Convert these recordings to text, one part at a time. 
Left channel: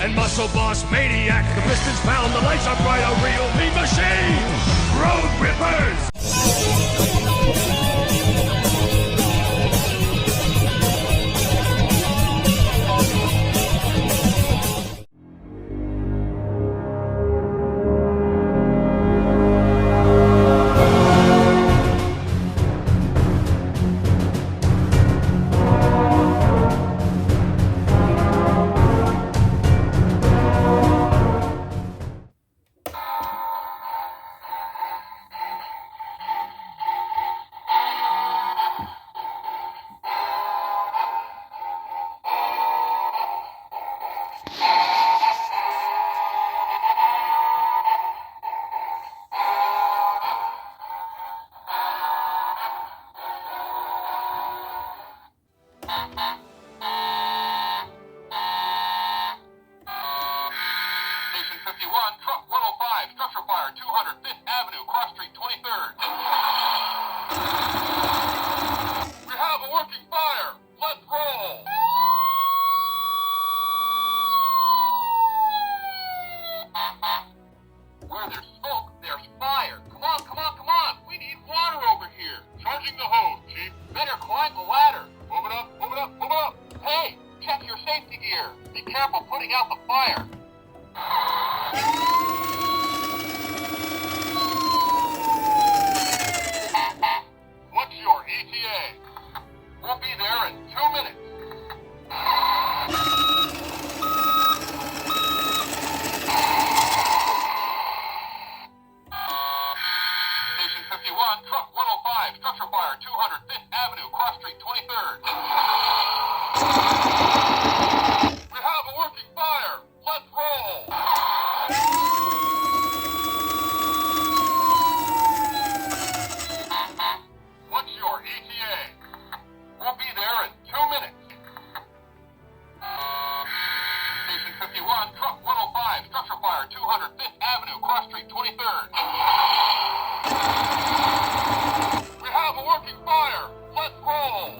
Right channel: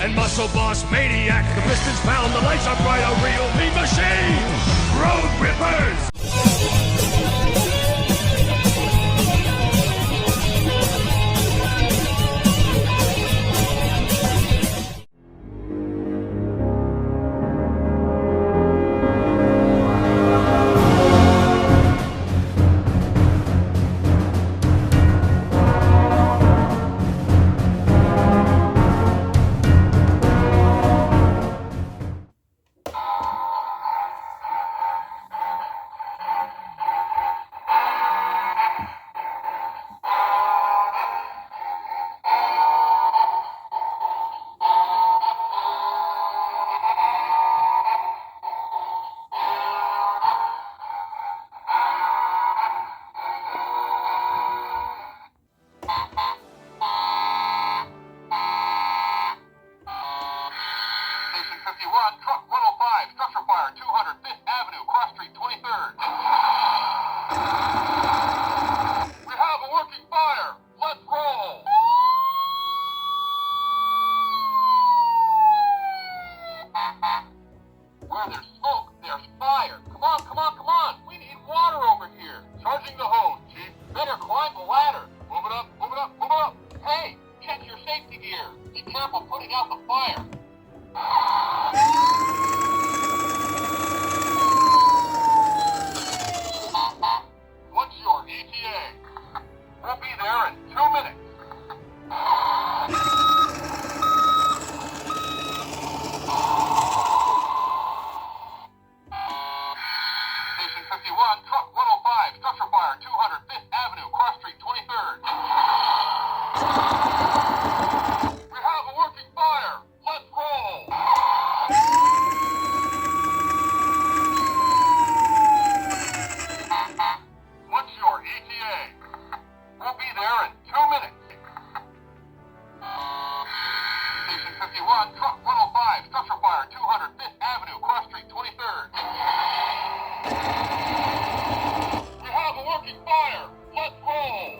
and Muscle Boss Maniac. The pistons pound, the lights are bright, a real mean machine. Road Rippers! Truck 105, structure fire, 200 5th Avenue, Cross Street, 23rd. We have a working fire. Let's roll. Where there's smoke, there's fire. Come on, come on, come on. We need water over here. Charging the hose, Chief. Better climb the ladder. Move it up, move it up, move it up. Hey, check your safety gear. Be careful putting out the fire. What's your ETA? We'll be there in 2 minutes. Station 51, truck 105, structure fire, 200 5th Avenue, Cross Street, 23rd. We have a working fire. Let's roll. What's your ETA? We'll be there in 2 minutes. Station 51, truck 105, structure fire, 200 5th Avenue, Cross Street, 23rd. We have a working fire. Let's roll.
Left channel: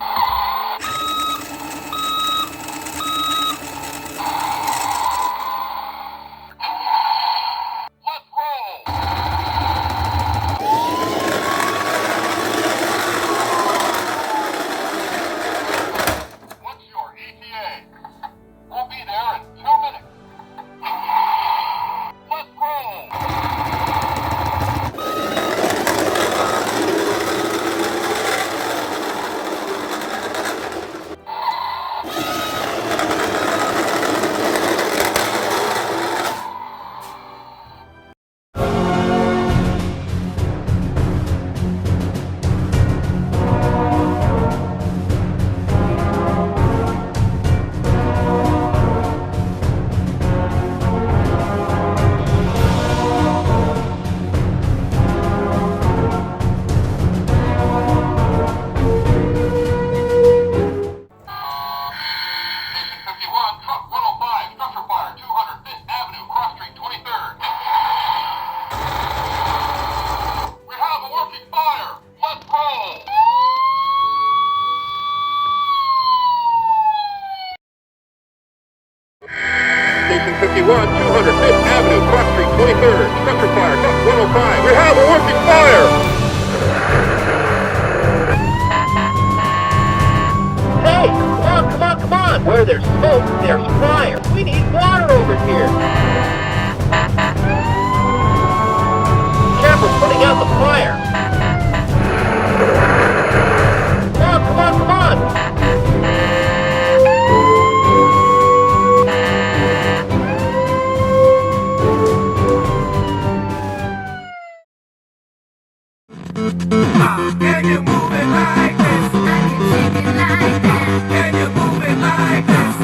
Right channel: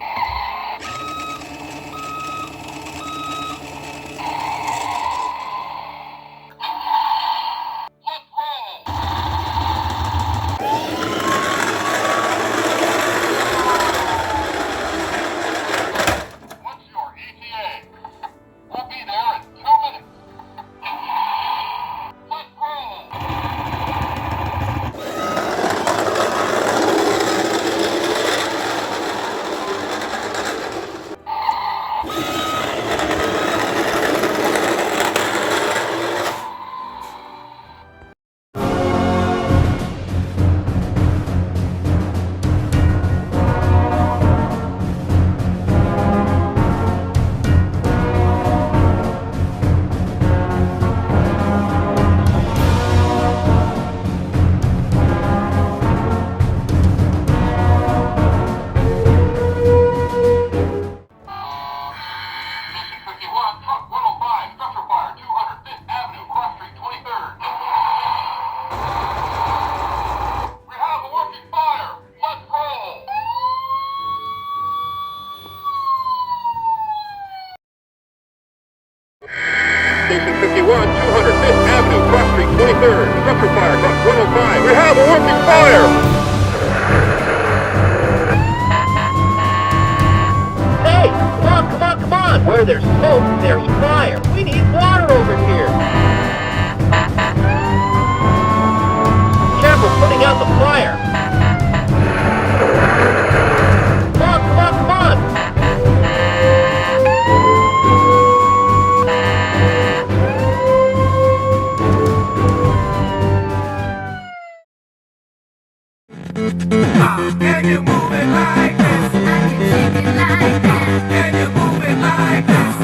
Station 51, 200 5th Avenue, Cross Street, 23rd. Structure fire, truck 105. We have a working fire! Hey, come on, come on, come on! Where there's smoke, there's fire. We need water over here. Careful putting out the fire. Come on, come on, come on! Can you move it like this? I can shake it like that. Can you move it like this?